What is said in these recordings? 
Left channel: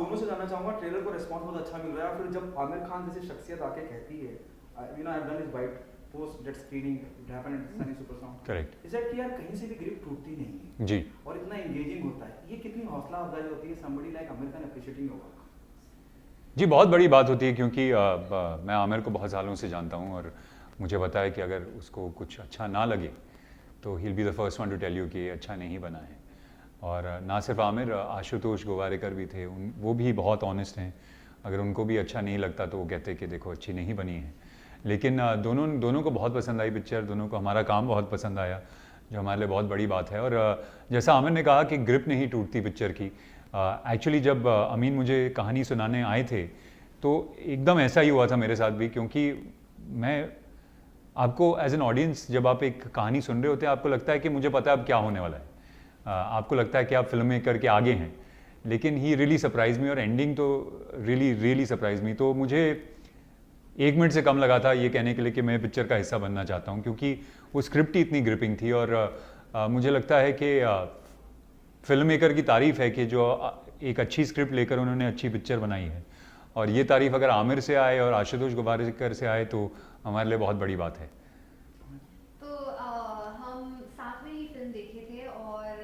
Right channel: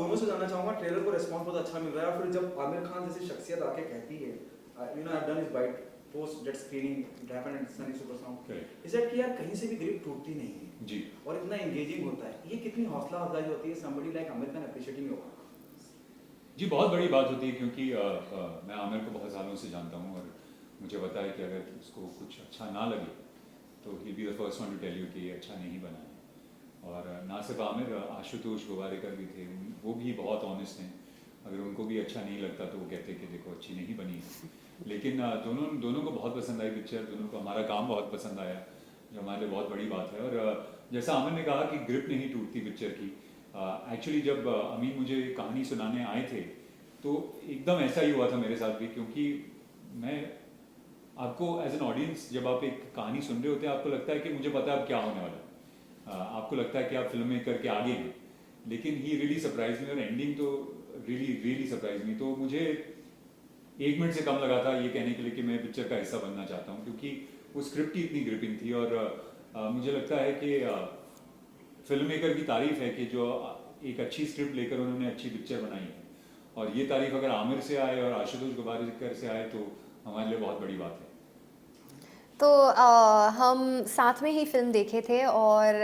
दोनों से जानना चाहूंगा, ट्रेलर को रिस्पांस बहुत अच्छा मिल रहा है, फिर जब आमिर खान जैसी शख्सियत आके कहती है, you know I have done his bite post that screening it happened at Sunny Super Sound, correct is that कि यार कहीं से भी ग्रिप टूटती नहीं है जी। और इतना एंगेजिंग होता है, ये कितनी हौसला अफजाई होती है somebody like Aamir Khan appreciating your work? जी बहुत बड़ी बात होती है क्योंकि मैं आमिर को बहुत सालों से जानता हूँ और मुझे पता है कि अगर उसको कुछ अच्छा ना लगे तो he will be the first one to tell you कि ये अच्छा नहीं बना है। और ना सिर्फ आमिर, आशुतोष गोवारिकर भी थे, वो भी बहुत ऑनेस्ट हैं। अगर उनको भी अच्छा नहीं लगता तो वो कहते कि देखो अच्छी नहीं बनी है। लेकिन दोनों को बहुत पसंद आई पिक्चर, दोनों को हमारा काम बहुत पसंद आया, जो हमारे लिए बहुत बड़ी बात है। और जैसा आमिर ने कहा कि ग्रिप नहीं टूटती पिक्चर की, एक्चुअली जब अमीन मुझे कहानी सुनाने आए थे तो एकदम ऐसा ही हुआ था मेरे साथ भी, क्योंकि मैं आपको एज एन ऑडियंस जब आप एक कहानी सुन रहे होते हैं आपको लगता है कि मुझे पता है अब क्या होने वाला है, आपको लगता है कि आप फिल्म मेकर के आगे हैं, लेकिन ही रियली सरप्राइज मी और एंडिंग तो रियली सरप्राइज मी। तो मुझे 1 मिनट से कम लगा था ये कहने के लिए कि मैं पिक्चर का हिस्सा बनना चाहता हूँ, क्योंकि वो स्क्रिप्ट ही इतनी ग्रिपिंग थी। और मुझे लगता है कि फिल्म मेकर की तारीफ़ है कि जो एक अच्छी स्क्रिप्ट लेकर उन्होंने अच्छी पिक्चर बनाई है, और ये तारीफ़ अगर आमिर से आए और आशुतोष गोवारिकर से आए तो हमारे लिए बहुत बड़ी बात है। तो हम साथ में ही फिल्म देखे थे और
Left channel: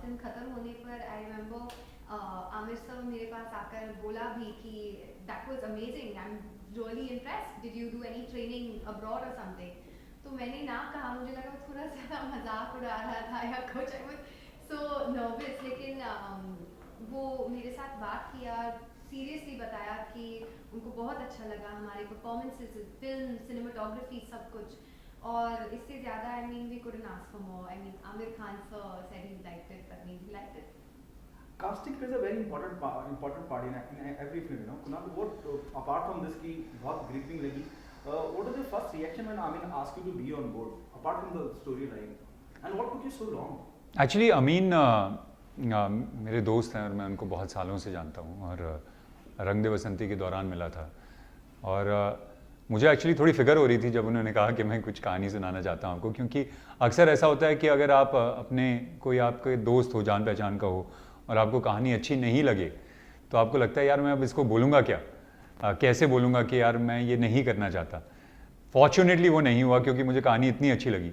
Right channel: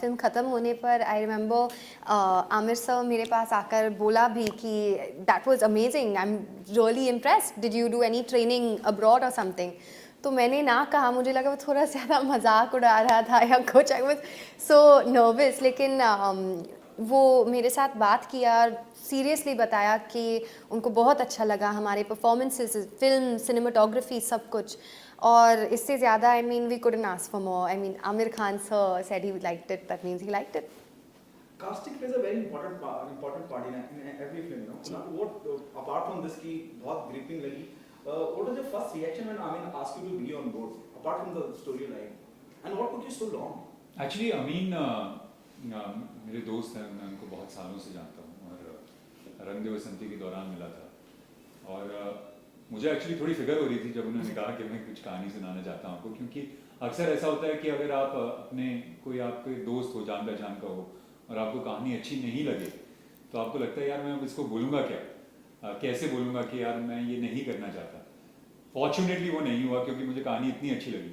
फिल्म ख़त्म होने पर आई रिमेंबर आमिर सर मेरे पास आकर बोला भी कि that was amazing, I am really impressed, did you do any training abroad और समथिंग। तो मैंने ना कहा, मुझे लगा वो थोड़ा ज़्यादा मजाक उड़ा रहा था या कुछ, आई वाज सो नर्वस। लेकिन वो मेरे साथ बात किया, सीरियसली बताया कि उनको बहुत अच्छा लगा हमारे परफॉर्मेंसेस, फिल्म, सिनेमाटोग्राफी, सब कुछ। और इससे ज़्यादा I mean we couldn't ask for more. I mean Aamir Khan sir said he liked it, that means he liked it. Casting plays a very important part in every film, you know. Now, what apart from this की बहुत gripping लगी, what was your first reaction when Amin asked you to be on board, apart from the storyline, and what took you so long? Actually Amin मेरे दोस्त हैं और मैं उनको बहुत सालों से जानता हूँ, और रंग दे बसंती के दौरान मिला था। और मुझे एक्चुअली थोड़ी फिक्र हो रही थी जब उन्होंने कहा कि मैं कुछ कहानी सुनाना चाहता हूँ आपको, क्योंकि अक्सर ऐसा होता है कि अगर आप अपने कोई आपके दोस्त हो, जान पहचान का हो, और आपको कहानी अच्छी नहीं लगे तो आपको लगता है यार मैं अब इसको बोलूँगा क्या, कैसे बोलूँगा कि यार मैं ये नहीं करना चाहता। फॉर्चुनेटली वो नहीं हुआ क्योंकि मुझे कहानी इतनी अच्छी लगी।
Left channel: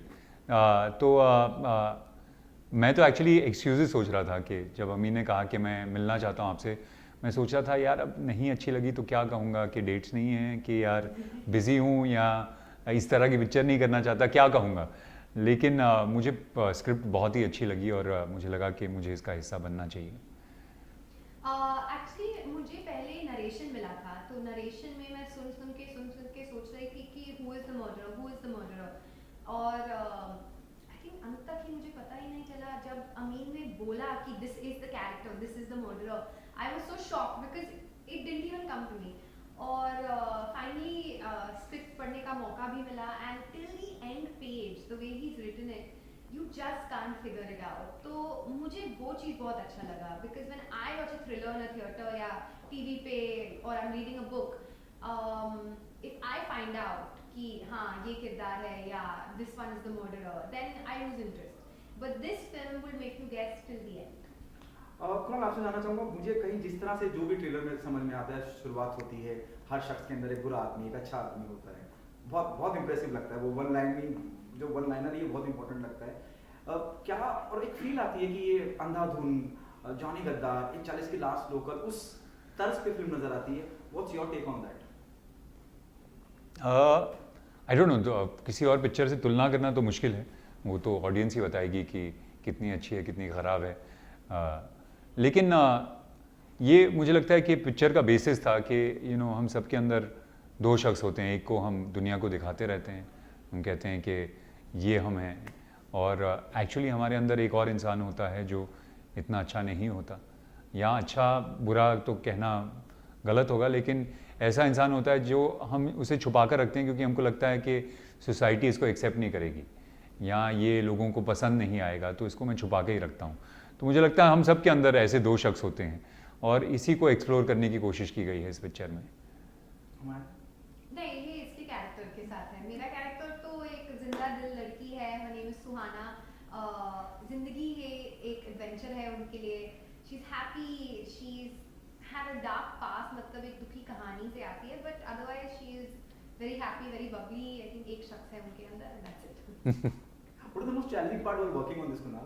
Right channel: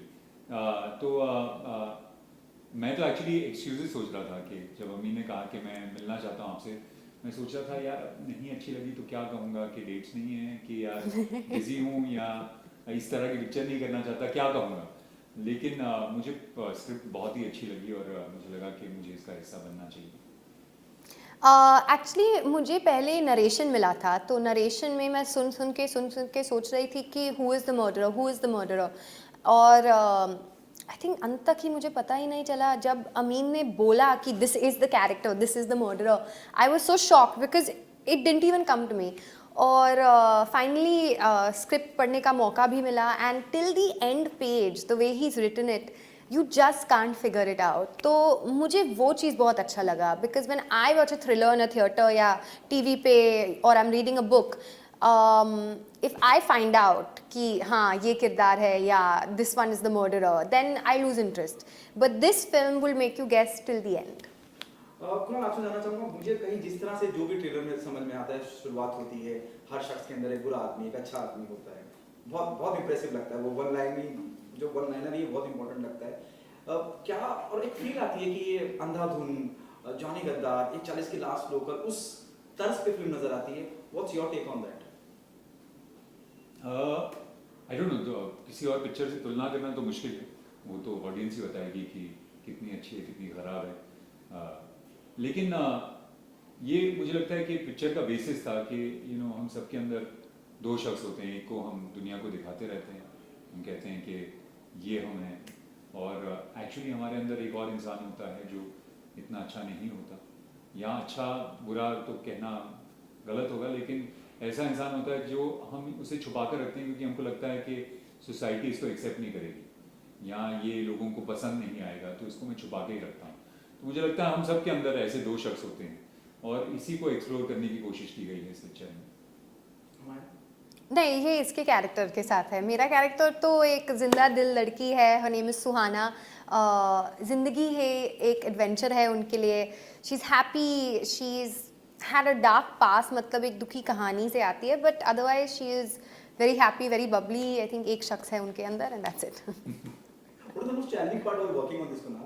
मैं तो एक्चुअली एक्सक्यूज़ेस सोच रहा था कि जब अम्मी ने कहा कि मैं मिलना चाहता हूँ आपसे, मैं सोच रहा था यार अब नहीं अच्छी लगी तो क्या कहूँगा कि डेट्स नहीं हैं, कि यार बिज़ी हूँ, या इस तरह की पिक्चर नहीं करना चाहता, क्या कहूँगा। लेकिन मुझे स्क्रिप्ट बहुत ही अच्छी लगी और मुझे लगा कि मुझे इसका हिस्सा बनना चाहिए। एक्चुअली मुझे पहले नरेशन मिला था, तो नरेशन में मैं सुन सुन के सोच रही थी कि हु इज़ द मर्डरर। और आई थिंक अंत तक ही मुझे पता ही नहीं चला, जब अमीन ने बोला कि this is the character, this is the murderer, I was so shocked because it didn't even come to me. और फाइनली स्क्रिप्ट पढ़ने का मौका भी मिला, and till the end page the way he is written it, you just can't figure it out. तो मुझे वो चीज़ बहुत अच्छा लगा, because when I watch a thriller in a theatre या टीवी पे, और I am reading a book, if I find out कि हाँ ये किरदार है या this one is the murderer, then I lose interest, but this film will make you guess till the end. Kunal, आपसे जानना चाहूँगा, मुझे कहीं जिस तरह से जो भी ट्रेलर में समझ में आता है, शुरुआत होती है हर शख्स के अंदर एक बुरा आदमी, एक अच्छा आदमी होता है, बहुत बहुत इंप्रेसिव लगता है वो वन लाइन, जो वन लाइनर ये बहुत इंपॉर्टेंट लगता है। क्या और एक फील आती है कि ये अंधाधुन, जॉनी गद्दार, एक 40 की लास्ट लोकल, उस तर्ज पे फिल्म नजर आती है। What's your take on that? I don't know, किसी और पिक्चर से तुलना करना तो मुश्किल है, वो तो ऑडियंस ही बताएगी कि कितनी अच्छी है कितनी ख़राब है। लेकिन ये मुझे लगता है कि पिक्चर का बेसिस था कि हम सब के अंदर दो शख्स होते हैं, एक को हम दुनिया को दिखाते रहते हैं, हम कहते हैं कि ये हम हैं, और एक्चुअली हमारे अंदर एक और इंसान होता है जो इतना अच्छा नहीं होता, या अच्छा बुरा तो कहना गलत होगा, लेकिन ऐसा इंसान होता है जो हम उसे छुपा कर रखते हैं क्योंकि हमको लगता है कि सोसाइटी इसको एक्सेप्ट नहीं करेगी या ये लोगों को पसंद नहीं आएगा, तो इसको मैं छुपा के ही रखता हूँ। तो मुझे लगता है हम सब के अंदर ऐसे दो शख्स होते हैं और इसी को एक्सप्लोर करने की कोशिश की गई है इस पिक्चर में। नहीं, ये इसके कैरेक्टर के साथ है। मेरा कैरेक्टर तो एक जिंदा दिल लड़की है, हर नेम इज़ सुहाना। ज़िंदगी है, एक एडवेंचर है उनके लिए। She is happy, she is had a dark past, मतलब एक दुखी कहानी से आती है, but otherwise she is very happy, very bubbly. I think एक शख्स है उनके अंदर and that's it. What is the most challenging part while working on this, Kunal?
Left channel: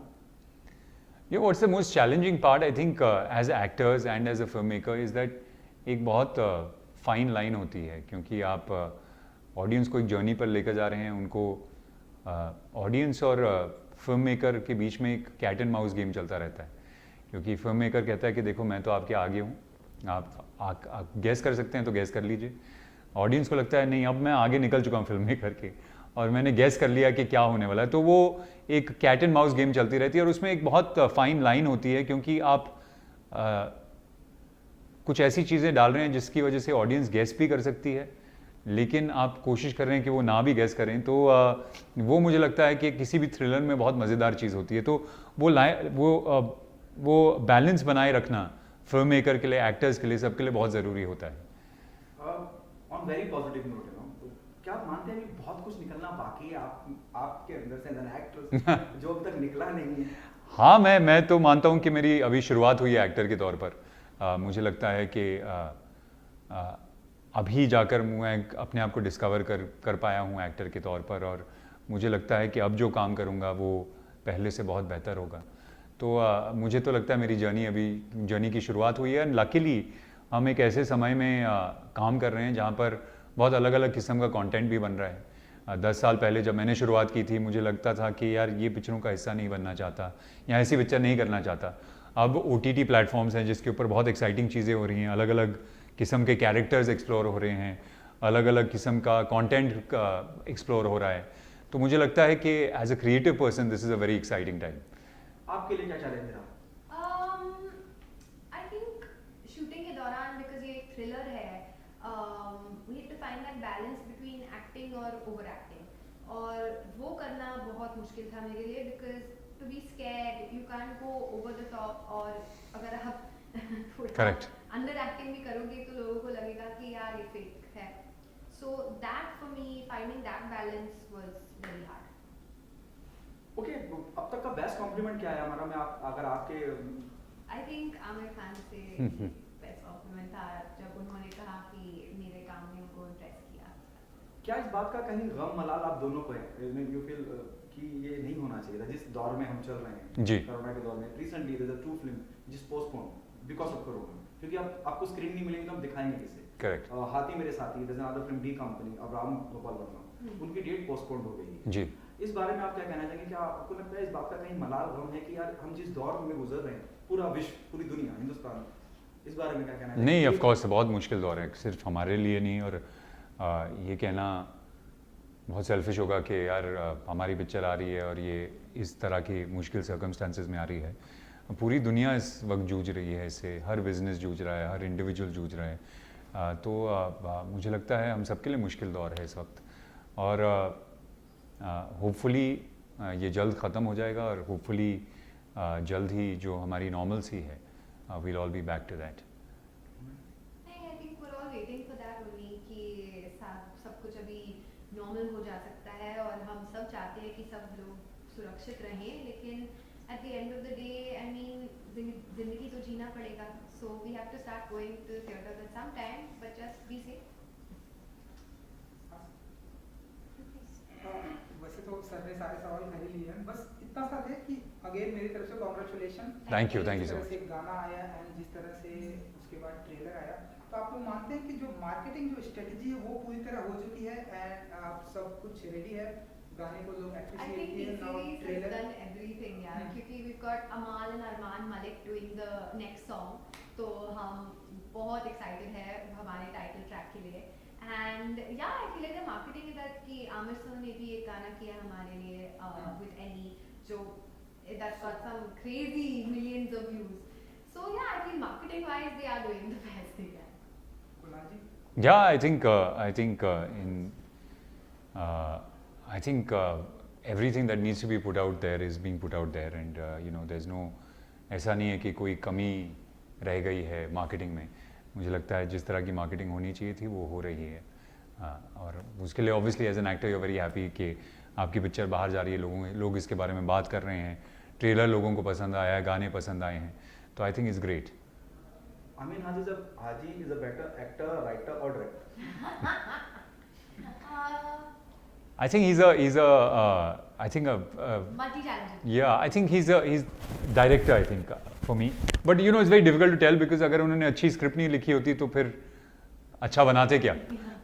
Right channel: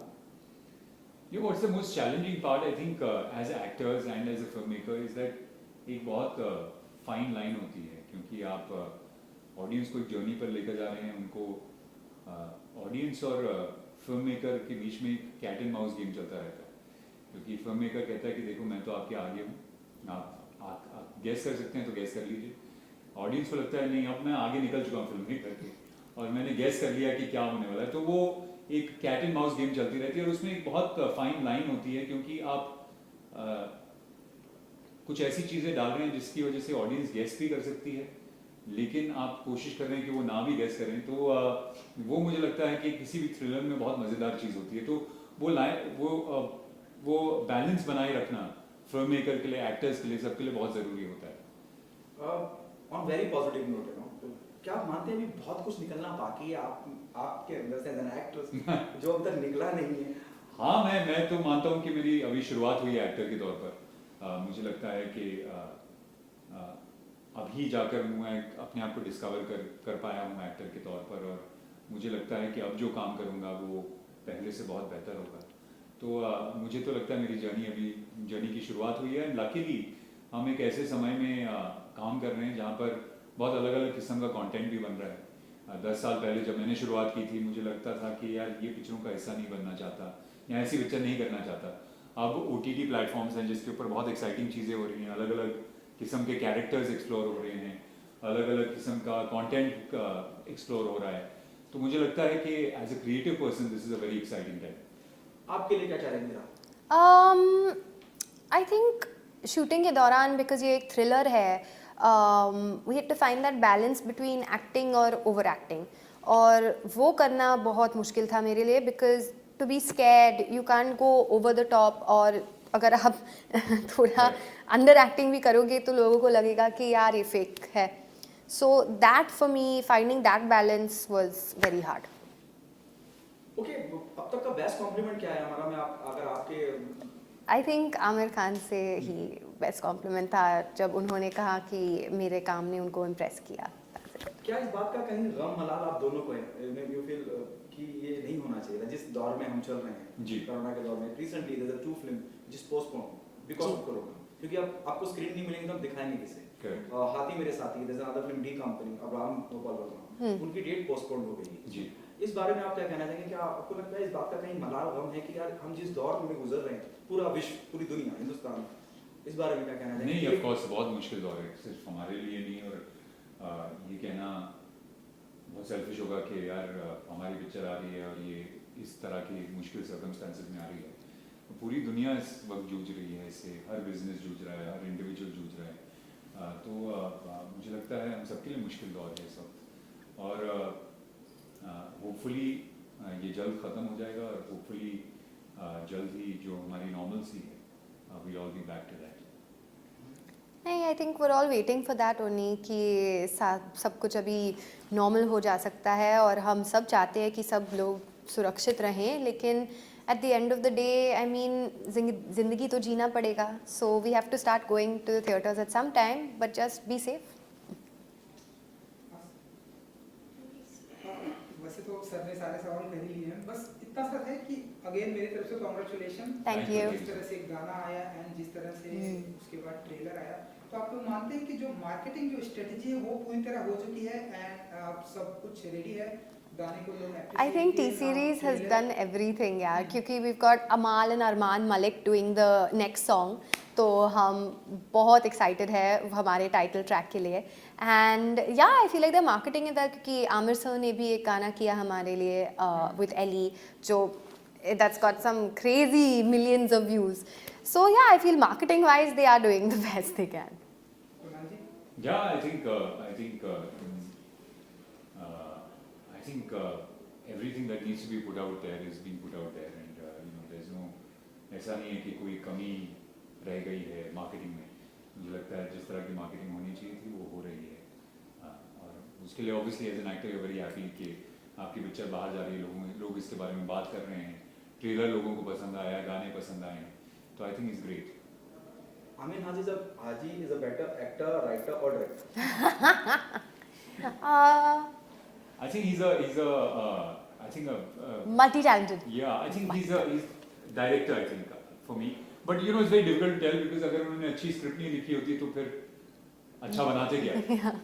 Yeah, what's the most challenging part, I think, as actors and as a filmmaker is that एक बहुत fine line होती है, क्योंकि आप audience को एक journey पर लेकर जा रहे हैं, उनको ऑडियंस और फिल्म मेकर के बीच में एक कैट एंड माउस गेम चलता रहता है, क्योंकि फिल्म मेकर कहता है कि देखो मैं तो आपके आगे हूँ, आप गैस कर सकते हैं तो गैस कर लीजिए। ऑडियंस को लगता है नहीं, अब मैं आगे निकल चुका हूँ फिल्म मेकर के और मैंने गैस कर लिया कि क्या होने वाला है। तो वो एक कैट एंड माउस गेम चलती रहती है और उसमें एक बहुत फाइन लाइन होती है, क्योंकि आप कुछ ऐसी चीज़ें डाल रहे हैं जिसकी वजह से ऑडियंस गैस भी कर सकती है, लेकिन आप कोशिश कर रहे हैं कि वो ना भी गैस करें। तो वो मुझे लगता है कि किसी भी थ्रिलर में बहुत मज़ेदार चीज़ होती है। तो वो बैलेंस बनाए रखना फिल्म मेकर के लिए, एक्टर्स के लिए, सबके लिए बहुत ज़रूरी होता है। ऑन वेरी पॉजिटिव नोट, क्या आप मानते हैं अभी बहुत कुछ निकलना बाकी है आपके अंदर से एज एन एक्ट्रेस जो अभी तक निकला नहीं है? हाँ, मैं तो मानता हूँ कि मेरी अभी शुरुआत हुई है एक्टर के तौर पर। मुझे लगता है कि अभी जाकर मैं अपने आप को डिस्कवर कर पाया हूँ एक्टर के तौर पर, और मुझे लगता है कि अब जो काम करूँगा वो पहले से बहुत बेहतर होगा। तो मुझे तो लगता है मेरी जर्नी की शुरुआत हुई है। लकीली हम एक ऐसे समय में काम कर रहे हैं जहाँ पर बहुत अलग अलग किस्म का कंटेंट भी बन रहा है। 10 साल पहले जब मैंने शुरुआत की थी, मुझे लगता था कि यार ये पिक्चरों का हिस्सा नहीं बनना चाहता या ऐसी पिक्चर नहीं करना चाहता। अब OTT प्लेटफॉर्म्स हैं जिसके ऊपर बहुत एक्साइटिंग चीज़ें हो रही हैं, अलग अलग किस्म के कैरेक्टर्स एक्सप्लोर हो रहे हैं, अलग अलग किस्म का कंटेंट एक्सप्लोर हो रहा है। तो मुझे लगता है कि as a creative person this is a very exciting time. आपके लिए क्या चैलेंज रहा? आई थिंक शूटिंग के दौरान, बिकॉज ये एक थ्रिलर है, we had to find that balance between acting और ओवर एक्टिंग, और वो करना बहुत मुश्किल था मेरे लिए, because to be scared you can't go over the top, और अगर आप थोड़ा अंडर एक्टिंग भी करोगे तो लोगों को लगेगा कि यार ये फेक है। So that for me, finding that balance was very hard. Okay, अब तक का बेस्ट कॉम्प्लीमेंट क्या है हमारा में अगर आपके? आई थिंक आमिर खान से ही बेस्ट कॉम्प्लीमेंट था जब उन्होंने कहा कि मेरे काम ने उनको इम्प्रेस किया। क्या इस बात का कहीं गम मलाल आप दोनों को है? यू फील कि ये नहीं होना चाहिए था जिस दौर में हम चल रहे हैं जी, कोरोना के दौर में? Recently there is a 2 film जिस पोस्टपोन बिकॉज़ ऑफ कोरोना, क्योंकि अब आपको स्क्रीन नहीं मिलेगी तो आप दिखाएंगे किसे? Correct. Haathi Mere Saathi, there is another film D company, Abraham Gopal Varma, उनकी डेट पोस्टपोन हो गई है जी। इस बारे में आप क्या कहना चाहेंगे? क्या आपको लगता है इस बात का कहीं मलाल गम है कि यार हम जिस दौर में गुजर रहे हैं, पूरा विश्व, पूरी दुनिया, हिंदुस्तान, इस बारे में क्या कहना चाहेंगे? नहीं, ऑफ कोर्स बहुत मुश्किल दौर है, सिर्फ हमारे लिए नहीं, और ये कहना बहुत सेल्फिश होगा कि यार हमारी पिक्चर आ रही है और ये इस तरह की मुश्किल सर्कमस्टांसेस में आ रही है। पूरी दुनिया इस वक्त जूझ रही है इससे, हर बिजनेस जूझ रहा है, हर इंडिविजुअल जूझ रहा है। तो मुझे लगता है हम सबके लिए मुश्किल दौर है इस वक्त, और होपफुली ये जल्द ख़त्म हो जाएगा, और होपफुली जल्द ही जो हमारी नॉर्मल सी है, we'll all be back to that. नहीं, I think we are all waiting for that only, कि सब कुछ अभी नॉर्मल हो जा सकता है, और हम सब चाहते हैं कि सब लोग सुरक्षित रहें, लेकिन at the end of the day I mean ज़िंदगी तो जीना पड़ेगा। So we have to start going to the theatres at some time, but just be safe. वैसे तो सर ने सारे सवाल कर ही लिए हैं, बस इतना सा है कि अगेन मेरी तरफ से कॉन्ग्रेचुलेशन। थैंक यू जिस तरह से गाना आया एंड जिस तरह से उसके बाद ट्रेलर आया, तो आप लोग मानते हैं कि जो मार्केटिंग जो स्ट्रेटजी है वो पूरी तरह हो चुकी है एंड आप सब कुछ रेडी है? गाने को लोग I think T Series has done everything यार, क्योंकि we got Amaal and Armaan Malik doing the next song, तो हम बहुत एक्साइटेड है हमारे टाइटल ट्रैक के लिए। एंड या I feel like the marketing is that, क्योंकि आमिर सर ने भी एक गाना किया हमारे लिए विद एली, जो that's got some crazy millions of views. So yeah I feel marketing wise they are doing the best they can. Yeah, I think everything that needs to be put out there is being put out there, and there's no, ऐसा नहीं है कि कोई कमी रह गई है marketing में। मुझे लगता है जिस तरह की मार्केटिंग होनी चाहिए थी वो हो रही है, और उसके लिए obviously as an actor you are very happy कि आपकी पिक्चर बाहर जा रही है, लोग इसके बारे में बात कर रहे हैं, ट्रेलर लोगों को पसंद आया है, गाने पसंद आए हैं, तो I think it's great. Amin Haji is a better actor, writer, or director? I think he's a I think a multi-talented. yeah, I think he's director, I think, for me. But you know, it's very difficult to tell because अगर उन्होंने अच्छी script नहीं लिखी होती तो फिर अच्छा बनाते क्या?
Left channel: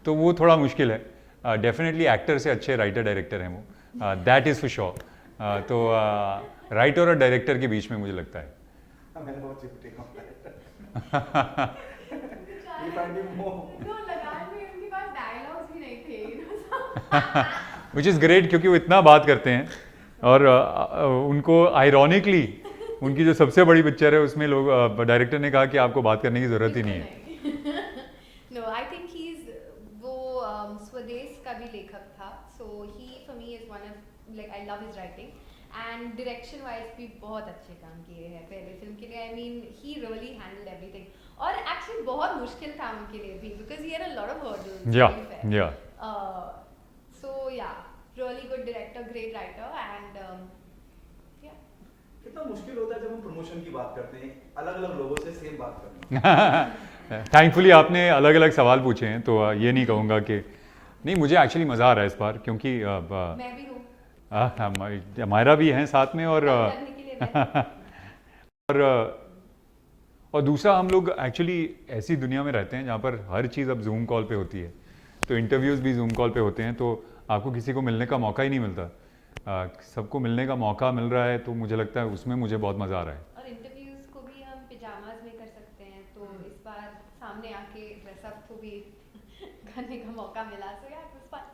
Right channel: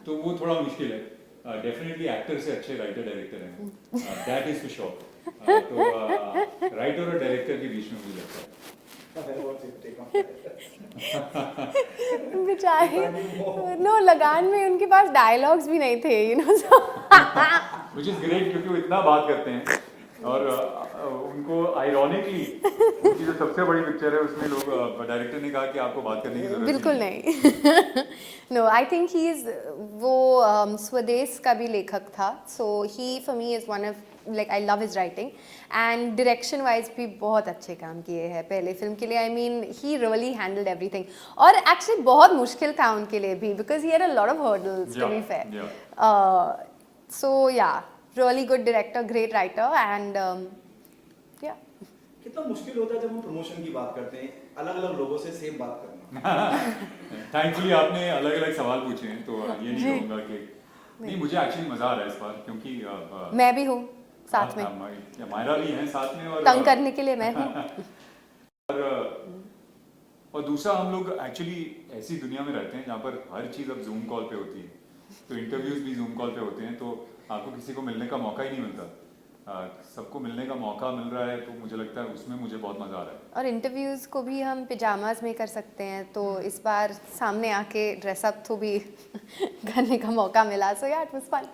तो वो थोड़ा मुश्किल है. डेफिनेटली एक्टर से अच्छे राइटर डायरेक्टर हैं वो. That is for sure. तो राइटर और डायरेक्टर के बीच में मुझे लगता है. What's your take on that? बेचारे नो लगान में उनके पास डायलॉग्स भी नहीं थे, you know. Which is great क्योंकि वो इतना बात करते हैं और उनको आयरॉनिकली उनकी जो सबसे बड़ी पिक्चर है उसमें लोग डायरेक्टर ने कहा कि आपको बात करने की ज़रूरत ही बिल्कुल नहीं है. नहीं. No I think he is वो स्वदेश का भी लेखक था, so he for me is one of like I love his writing and direction wise भी बहुत अच्छे काम किए हैं पहले फिल्म के लिए. I mean he really handled everything और एक्चुअली बहुत मुश्किल था उनके लिए भी because he had a lot of hurdles to be fair. So yeah really good director, great writer and yeah. कितना मुश्किल होता है जब हम प्रमोशन की बात करते हैं, अलग अलग लोगों से सेम बात करना. थैंकफुली आपने अलग अलग सवाल पूछे हैं तो ये नहीं कहूँगा कि नहीं. मुझे एक्चुअली मज़ा आ रहा है इस बार क्योंकि मैं भी हूँ साथ में, हमारा भी है साथ में और तंग करने के लिए मैं हूँ. और दूसरा हम लोग एक्चुअली ऐसी दुनिया में रहते हैं जहाँ पर हर चीज़ अब जूम कॉल पे होती है. तो इंटरव्यूज़ भी जूम कॉल पे होते हैं तो आपको किसी को मिलने का मौका ही नहीं मिलता. सबको मिलने का मौका मिल रहा है तो मुझे लगता है उसमें मुझे बहुत मज़ा आ रहा है. और इंटरव्यूज़ को भी हम पिजामाज में कर सकते हैं तो इस बार सामने आके ड्रेसअप तो भी करने का मौका मिला. So yeah it was fun.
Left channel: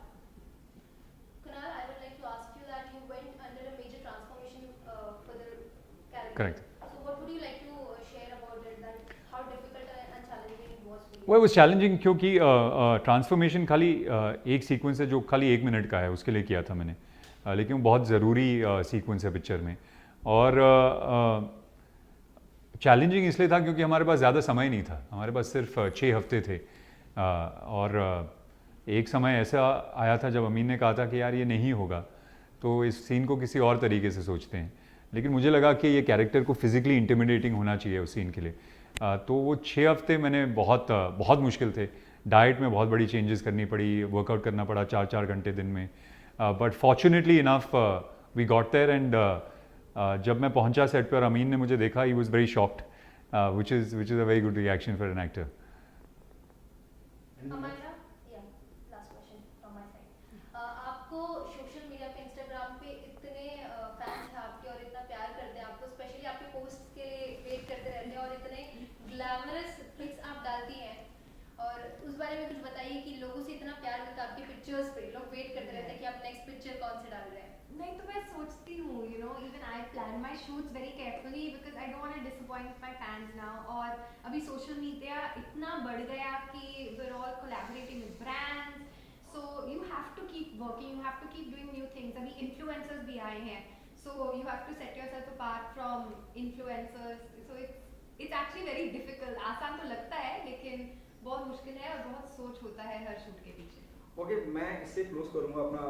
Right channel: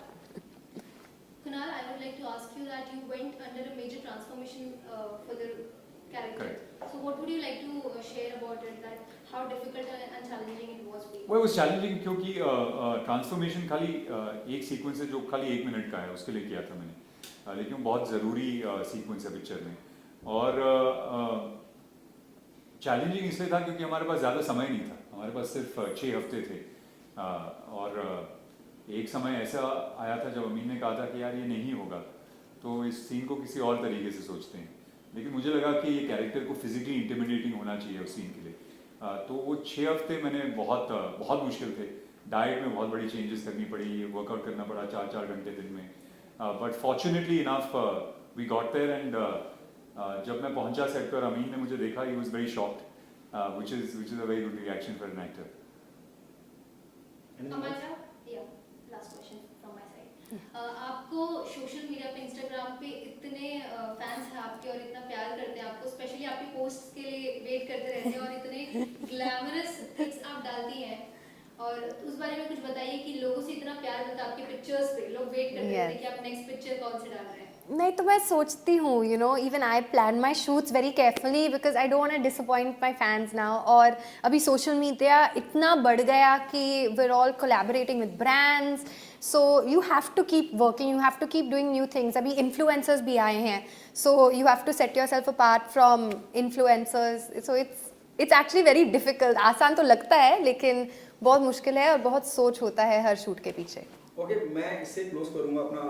Kunal, I would like to ask you that you went under a major transformation for the character. Correct. So what would you like to share about it, that how difficult and challenging it was for you? वो was challenging क्योंकि transformation खाली एक sequence है जो खाली 1 minute का है, उसके लिए किया था मैंने. लेकिन वो बहुत ज़रूरी सीक्वेंस है पिक्चर में. और चैलेंजिंग इसलिए था क्योंकि हमारे पास ज़्यादा समय नहीं था. हमारे पास सिर्फ 6 हफ्ते थे. और एक समय ऐसा आया था जब अमीन ने कहा था कि यार ये नहीं होगा तो इस सीन को किसी और तरीके से सोचते हैं. लेकिन मुझे लगा कि ये कैरेक्टर को फिज़िकली इंटिमिडेटिंग होना चाहिए उस सीन के लिए. तो वो 6 हफ्ते मैंने बहुत मुश्किल थे. डाइट में बहुत बड़ी चेंजेस करनी पड़ी, वर्कआउट करना पड़ा 4-4 घंटे दिन में. But fortunately enough we got there and जब मैं पहुंचा सेट पर अमीन ने मुझे देखा, he was very shocked, which is a very good reaction for an actor. Anything else? Amanda, yeah, last question from my side. आपको सोशल मीडिया पे, Instagram पे इतने फैंस हैं आपके और इतना प्यार करते हैं आपको, स्पेशली आपके पोस्ट के लिए वेट करते रहते हैं और इतने ग्लैमरस पिक्स आप डालती हैं. और उस बारे में कुछ बताइए कि लोगों से इतना प्यार मिलता है आपकी पिक्चर्स पे, लोग वेट करते रहते हैं कि आप नेक्स्ट पिक्चर कौन से डाल रहे हैं. नहीं तो मैं सोचती हूँ, you know, even I plan my shoots very carefully because I don't want to disappoint my fans now. और अभी सोशल मीडिया इतना बढ़ गया कि we are all collaborating with brands, so you have to keep working, you have to keep doing new things. अभी influencers भी आए हैं, so you have to set yourself apart from influencers. So it's actually very difficult. आसान तो लगता है लेकिन बहुत मुश्किल है और बहुत सोच होता है हर शूट के पीछे. ओके, मैं इससे क्लोज करूंगा अपना,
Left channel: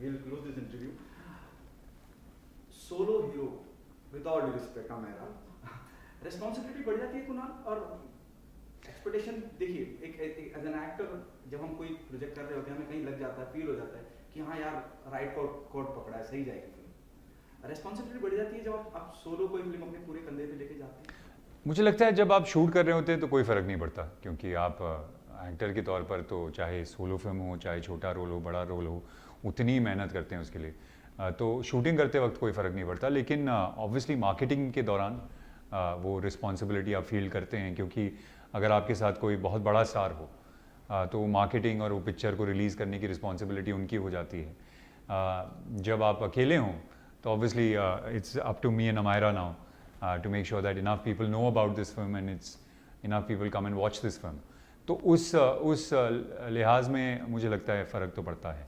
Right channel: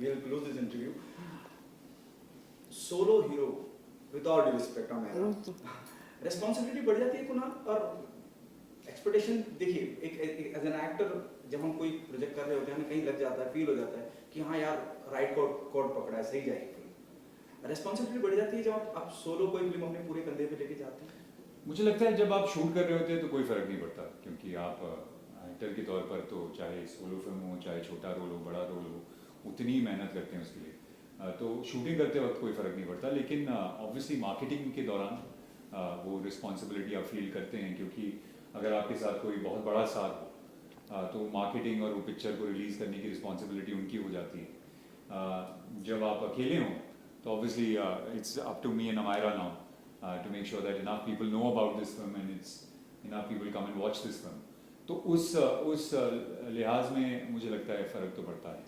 we'll close this interview. Solo hero, with all due respect हमारा, रिस्पांसिबिलिटी बढ़ जाती है कुणाल. और एक्सपेक्टेशन देखिए, एक एज एन एक्टर जब हम कोई प्रोजेक्ट कर रहे होते हैं ना, कहीं लग जाता है, फील हो जाता है कि हाँ यार राइट कोड पकड़ा है, सही जाएगी फिल्म. रिस्पांसिबिलिटी बढ़ जाती है जब आप सोलो कोई फिल्म अपने पूरे कंधे पे लेके जाते हैं. मुझे लगता है जब आप शूट कर रहे होते हैं तो कोई फ़र्क नहीं पड़ता क्योंकि आप एक्टर के तौर पर तो चाहे सोलो फिल्म हो, चाहे छोटा रोल हो, बड़ा रोल हो, उतनी ही मेहनत करते हैं उसके लिए. तो शूटिंग करते वक्त कोई फ़र्क नहीं पड़ता. लेकिन ऑब्वियसली मार्केटिंग के दौरान वो रिस्पॉन्सिबिलिटी आप फील करते हैं क्योंकि अगर आपके साथ कोई बहुत बड़ा स्टार हो तो मार्केटिंग और वो पिक्चर को रिलीज़ करने की रिस्पॉन्सिबिलिटी उनकी हो जाती है. जब आप अकेले हों तो obviously it's up to me and Amyra now to make sure that enough people know about this film and it's enough people come and watch this film. तो उस लिहाज में मुझे लगता है फ़र्क तो पड़ता है.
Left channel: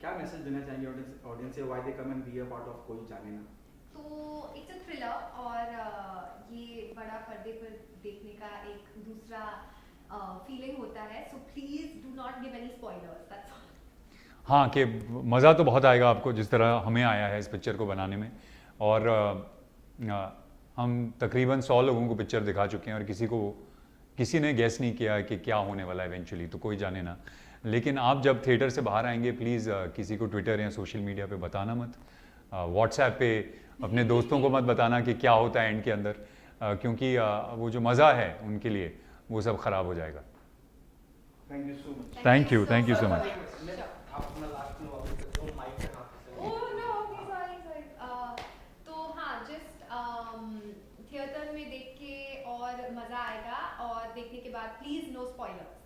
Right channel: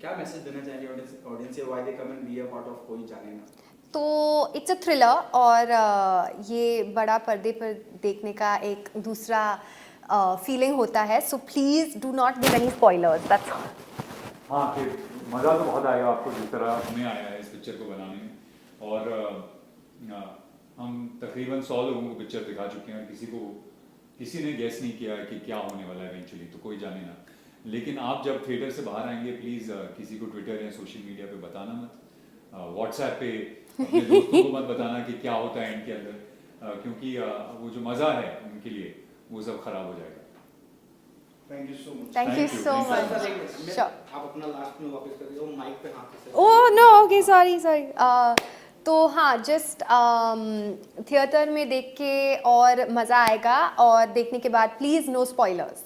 क्या मैसेज देना चाहेंगे audience, why they come and be a part of कोई जाने ना? तो इट्स अ थ्रिलर और ये बड़ा पर्दे पर देखने का एक दूसरा फीलिंग होता है. So please do not give any spoilers, that's all. हाँ, कि मज़ा तो बहुत आएगा आपको जिस तरह हमें आया है इस पिक्चर को बनाने में. और हम तकरीबन 100 लोगों को पिक्चर दिखा चुके हैं और किसी को किसी ने गेस नहीं किया कि क्या होने वाला है इवेंचुअली, तो कोई जाने ना। लेकिन आप जब थिएटर से बाहर आएंगे प्लीज़ किसी को ट्विटर या सोशल मीडिया पे बताना मत, व्हाट्सएप पे अपने दोस्तों को मत बताना कि क्या होता है एंड के अंदर, क्योंकि वो जो मज़ा है उनके लिए वो सब ख़राब हो जाएगा। Thank you so much. Thank you so sir, much. मैं- Sure. आप अपना लास्ट में वापस कर दो माइक पे हाथ से। Oh no, okay, sorry sorry. तो हाँ, जस्ट थिएटर में देख के और मज़ा आएगा, और देखने के बाद please no spoilers.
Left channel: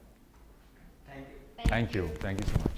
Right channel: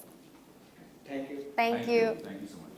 Thank you. Thank you. Thank you so much.